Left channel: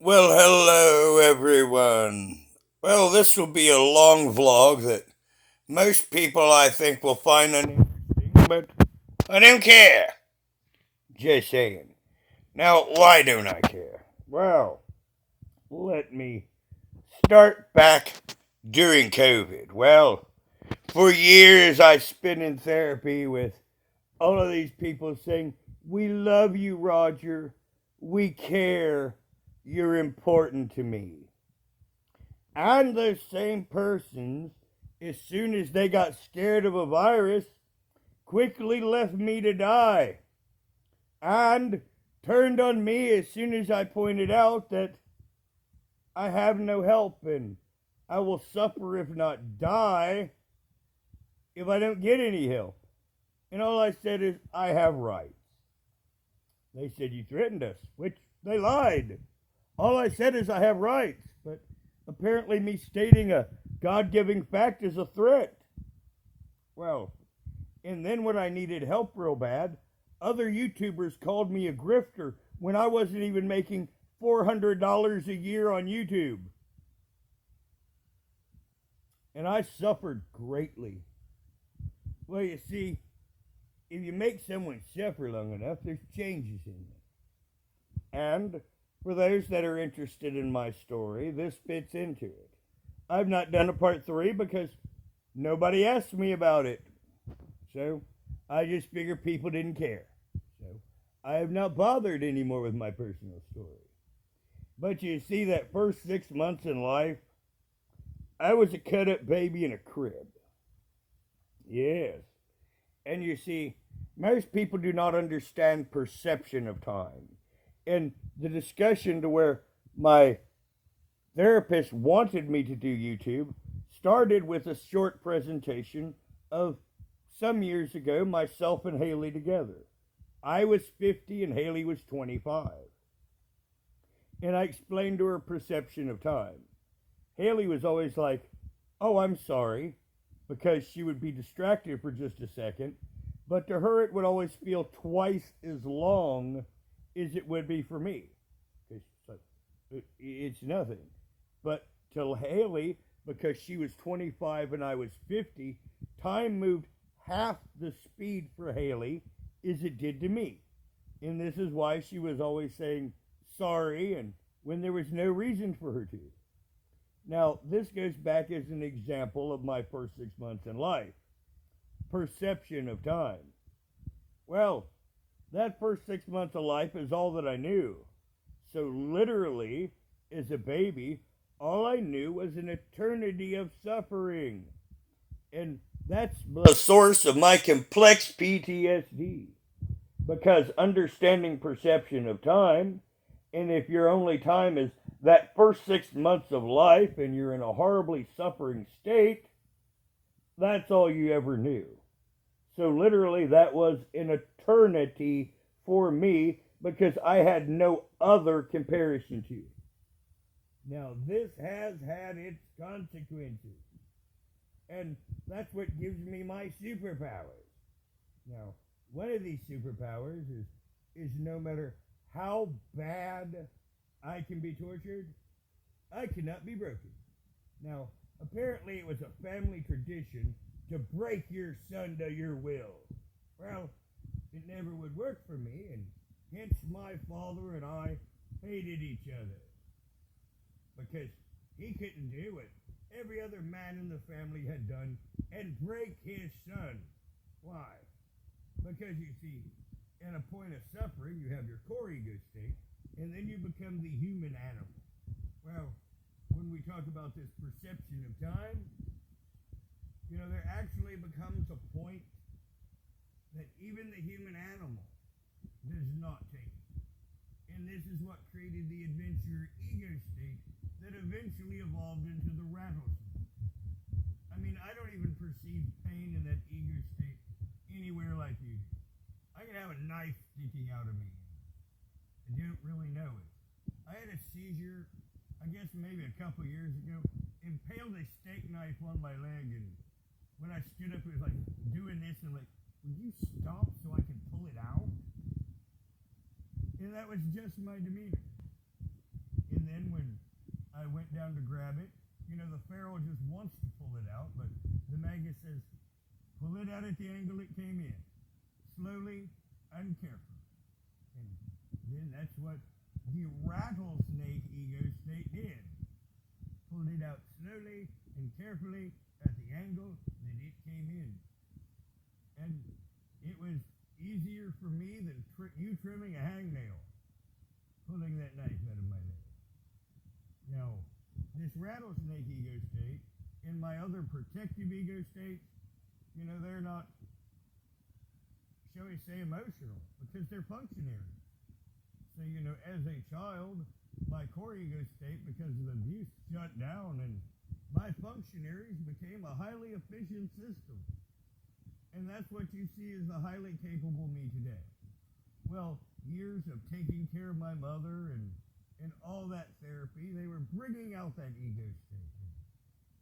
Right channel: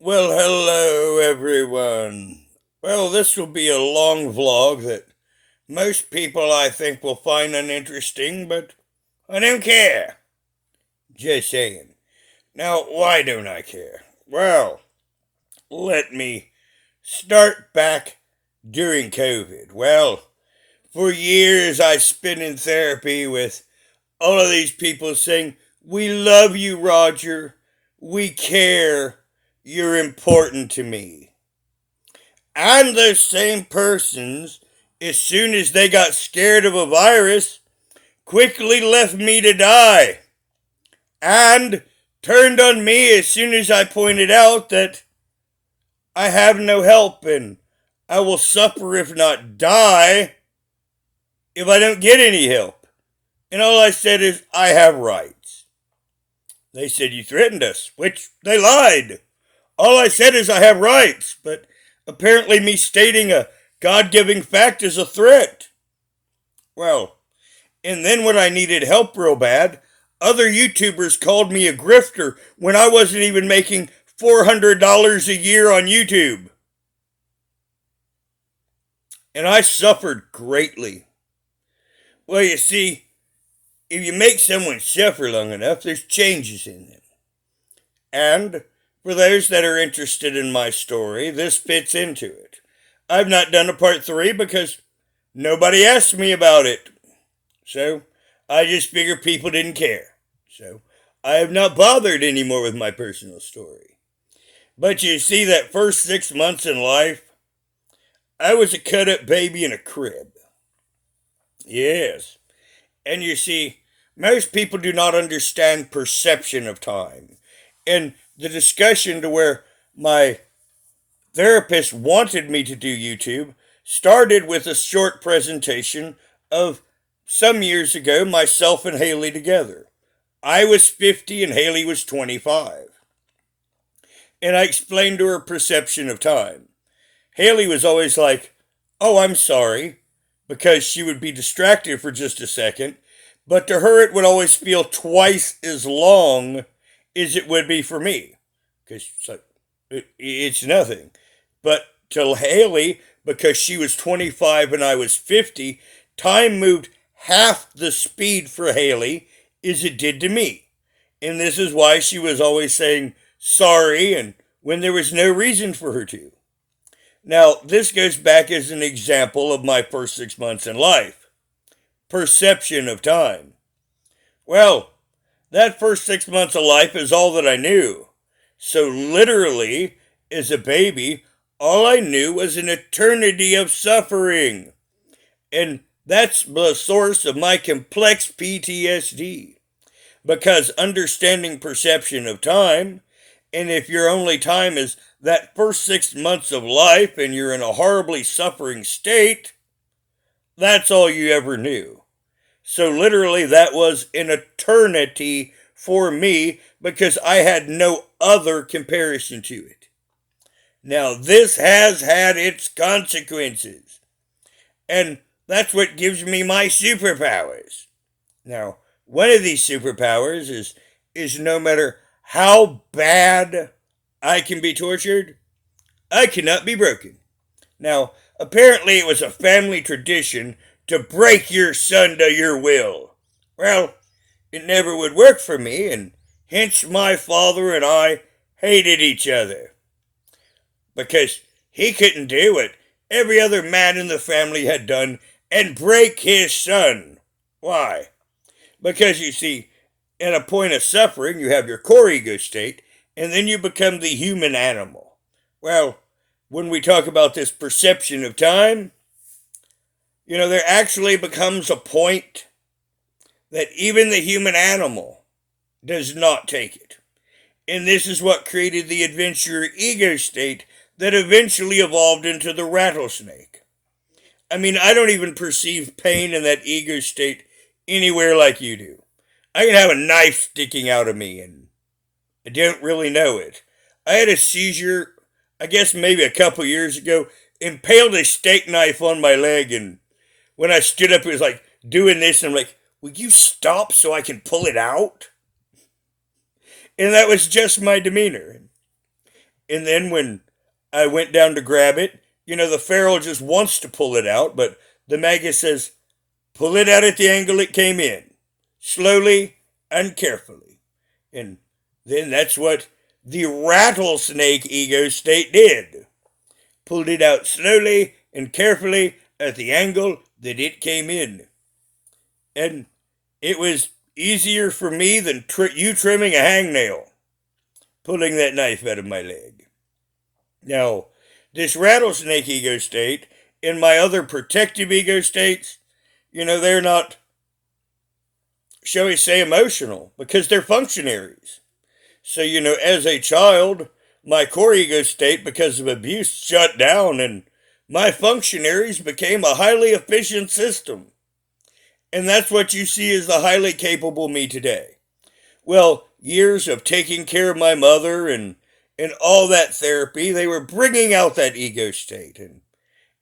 Well, hello everyone. Well, this will be a long vlog that most people I think will find uninteresting, but I don't care. Just saying. Now, why don't I care? Well, let me start back during COVID. Well, for years I spent in therapy with all of these people saying, "We love you, Roger. We care. You're important to me." And those same persons, as soon as they got scared of a virus, quickly left me to die and turned on me as soon as I pointed out that I have no help and I will suffer, if not die, if I don't get any help. And all I said is, I have rights. They said, "You threatened us," which they lied. All I said is, I have rights, but apparently me stating a God giving fact is a threat. Well, and then when I needed help real bad, other YouTubers called me a grifter when I wasn't even making $400 a year on YouTube. And I suffered greatly. Well, you see, if you make someone suffer long enough, there's changes in them. And for those that are interested in my story, this fits into it. I've not done a part 3 because nobody asked me about it. So I just figured people didn't care. So I have not bothered anymore with my personal story. But you see, that first 6 months in life, I was a cut up baby in a crib. Yes. And you see, most people do not understand perception of time. And the discussion to where my therapist wanted me to do YouTube started with a short presentation of some years ago, myself and Haley together. I was 50 and Haley was 25. And I explained to her perception of time. Haley was always like, "Oh, I'm sorry," because she would be distracted for just a second. But to her, it would always feel twice as long as it would be for me. Because it's nothing. But to Haley, because she was 25 and I was 50, time moved half the speed for Haley as it did to me. And this is why she was always saying sorry and when there was no reason for her to. Now, this goes back as an example of my first 6 months in life. Perception of time. Well, that first 6 months of life is all that I knew. So, literally, as a baby, all I knew was an eternity of suffering. And that's the source of my complex PTSD. Because understanding perception of time, and if your only time is that first 6 months of life and you're in a horribly suffering state, that's all you ever knew. So, literally, that was an eternity for me because I had no other comparison to it. Now, this has had its consequences, and that's what gives me my superpowers. Now, one of these superpowers is no matter how bad I can be tortured, I cannot be broken. Now, apparently it was a family tradition to break your son to your will. Well, it never would work for me, and hence my father and I hated each other. Because he couldn't do what every other man in the family had done and break his son. Why? Because you see, at a point of suffering, you have your core ego state, and then you become the human animal. Well, when we talk about this perception of time, there actually becomes a point that even the human animal does not take it. And this is what created the adventurer ego state that eventually evolved into the rattlesnake. I mean, I don't even perceive pain in that ego state anywhere like you do. I can have a knife sticking out of me and I don't really know it. I had a seizure, I guess maybe a couple years ago, impaled a steak knife on my leg, and when I stood up, it was like doing this, and I'm like, "Will you stop so I can pull it out?" And that was just my demeanor. And then when I went down to grab it, the ferrule just wants to pull it out, but the magus says, pull it out at the angle it came in, slowly and carefully. And then that's what the rattlesnake ego state did. Pulled it out slowly and carefully at the angle that it came in. And it was easier for me than you trimming a hangnail, pulling that knife out of my leg. Now, this rattlesnake ego state and my other protective ego states, they're not, shall we say, emotional because they're functionaries. So, as a child, my core ego state, because of abuse, shut down and my functionaries became a highly efficient system. And that's what you see as the highly capable me today. Well, years of taking care of my mother and all that therapy, they were bringing out that ego state.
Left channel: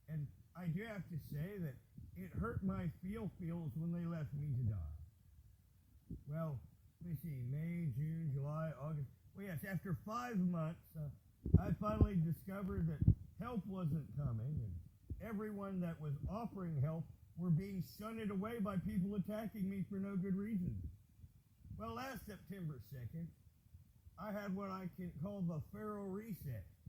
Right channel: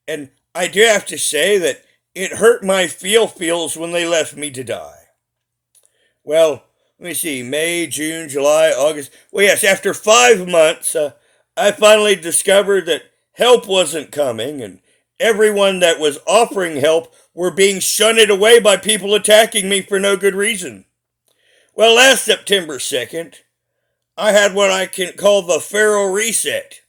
And I do have to say that it hurt my feels when they left me to die. Well, let me see, May, June, July, August. Well, yes, after 5 months, I finally discovered that help wasn't coming, and everyone that was offering help were being shunted away by people attacking me for no good reason. Well, last September 2nd, I had what I can call the ferrule reset.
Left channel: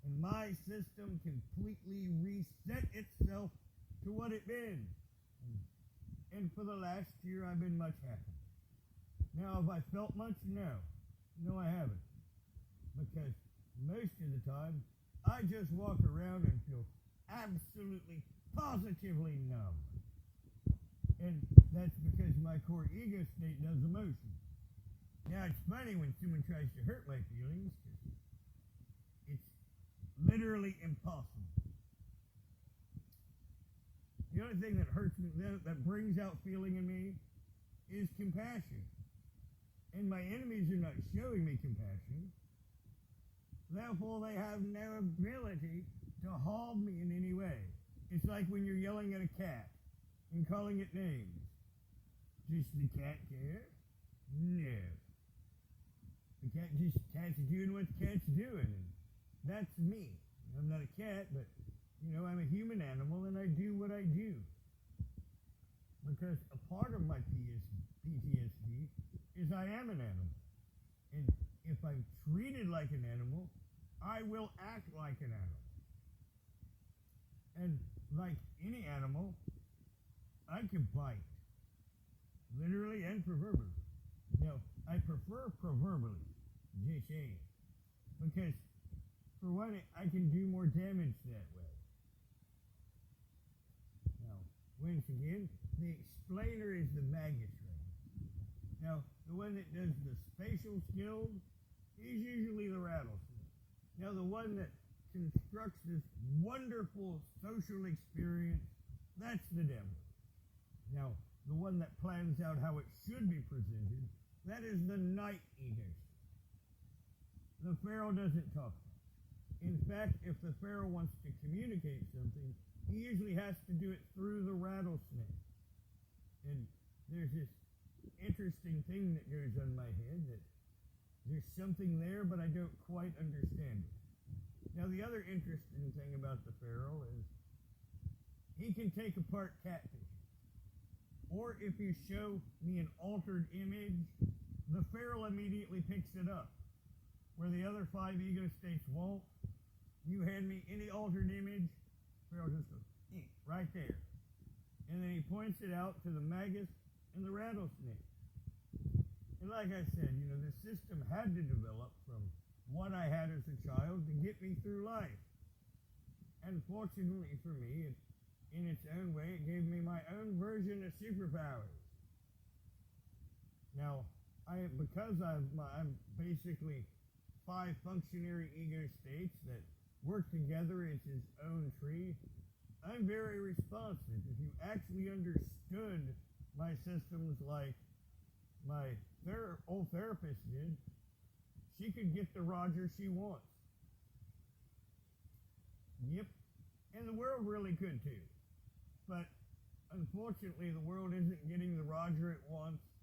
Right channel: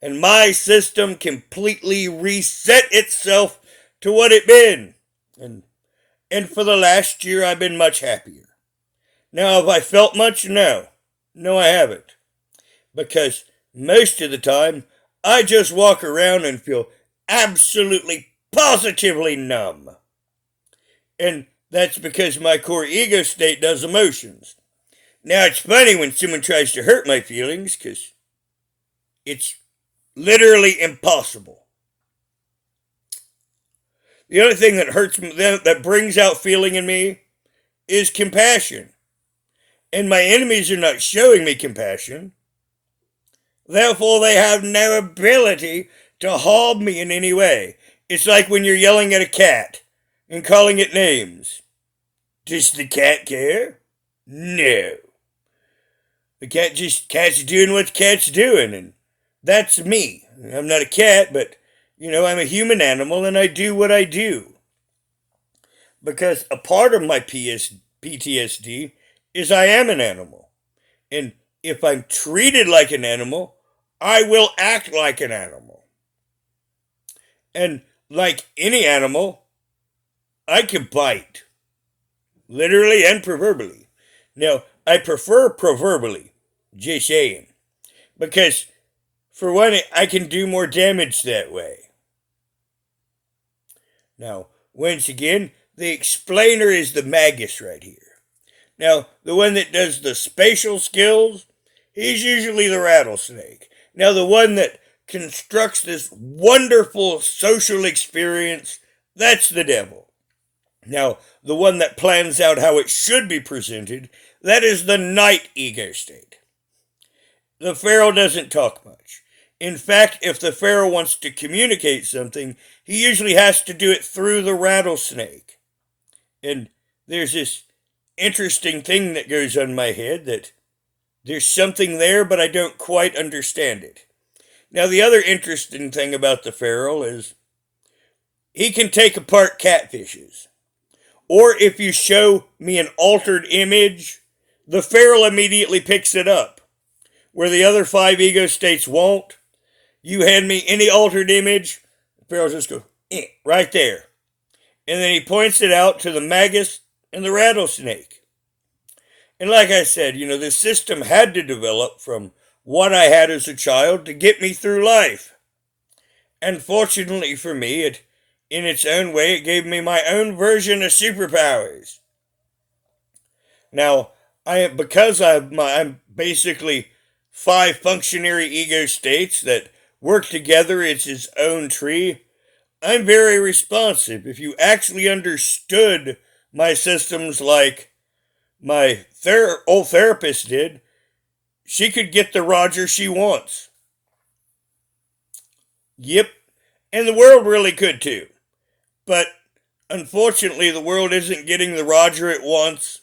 And my system completely reset itself to what it been. And for the last year, I've been much happier. Now, have I felt much? No. No, I haven't. Because most of the time, I just walk around and feel absolutely, positively numb. And that's because my core ego state does emotions. Now, it's funny when someone tries to hurt my feelings because it's literally impossible. The other thing that hurts me, that brings out feeling in me, is compassion. And my enemies are not showing me compassion. Therefore, they have no ability to harm me in any way. It's like when you're yelling at a cat and calling it names. Does the cat care? No. The cat's doing what cat's doing, and that's me. I'm not a cat, but, I'm a human animal, and I do what I do. Because a part of my PTSD is I am an animal. And if I'm treated like an animal, I will act like an animal. And like any animal, I can bite. Literally and proverbially. Now, I prefer proverbially, just saying. Because, for one, I can do more damage that way. Now, once again, the explainer is the magus right here. Now, the one that does the spatial skills, he's usually the rattlesnake. Now, the one that constructs this wonderful social experience, that's the devil. Now, the one that plans out how it should be presented, that is the knight ego state. The ferrule doesn't talk much. In fact, if the ferrule wants to communicate something, he usually has to do it through the rattlesnake. And there's this interesting thing that goes on my head that there's something there, but I don't quite understand it. Now, the other interesting thing about the ferrule is he can take apart catfishes. Or if you show me an altered image, the ferrule immediately picks it up. Where the other 5 ego states won't, you hand me any altered image, the ferrule just goes, right there. And then he points it out to the magus and the rattlesnake. And like I said, this system had to develop from what I had as a child to get me through life. And fortunately for me, in its own way, it gave me my own version of superpowers. Now, because I'm basically 5 functionary ego states that work together, it's its own tree, I'm very responsive. If you actually understood my systems like my old therapist did, she could get the Roger she wants. Yep, and the world really could too. But unfortunately, the world isn't getting the Roger it wants.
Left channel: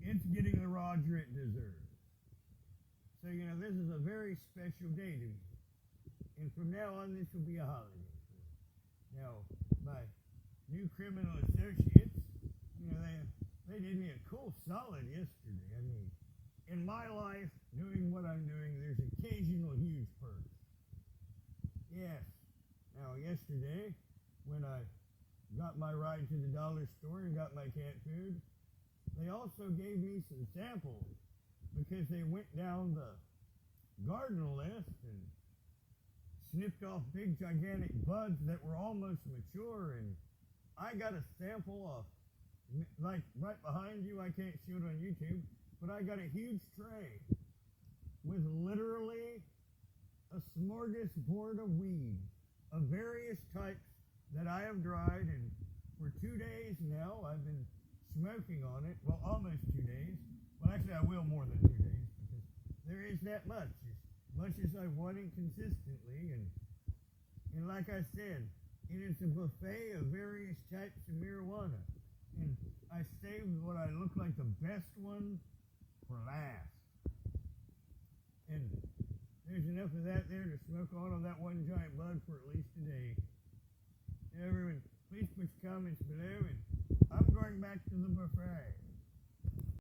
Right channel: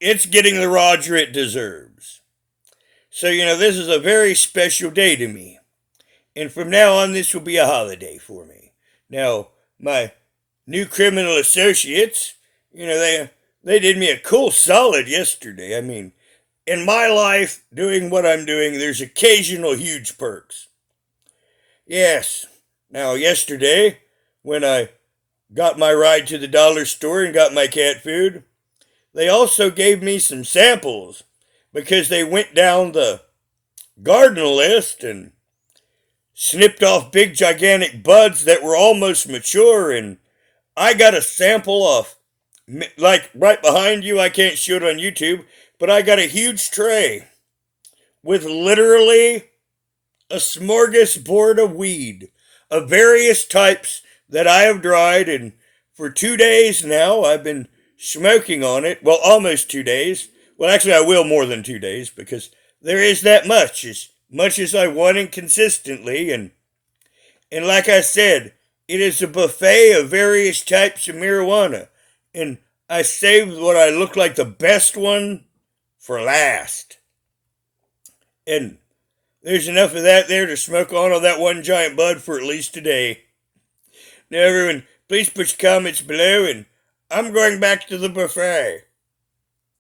It's getting the Roger it deserves. So, this is a very special day to me. And from now on, this will be a holiday for me. Now, my new criminal associates, they did me a cool solid yesterday. I mean, in my life, doing what I'm doing, there's occasional huge perks. Yes. Now, yesterday, when I got my ride to the dollar store and got my cat food, they also gave me some samples because they went down the garden list and snipped off big gigantic buds that were almost mature, and I got a sample of, like right behind you. I can't show it on YouTube, but I got a huge tray with literally a smorgasbord of weed of various types that I have dried, and for 2 days now I've been smoking on it. Well, almost 2 days. Well, actually, I will more than 2 days because there is that much as I want it consistently, and like I said, it is a buffet of various types of marijuana, and I saved what I look like the best one for last. And there's enough of that there to smoke on that one giant bud for at least a day. Now, everyone, please put your comments below, and I'm going back to the buffet.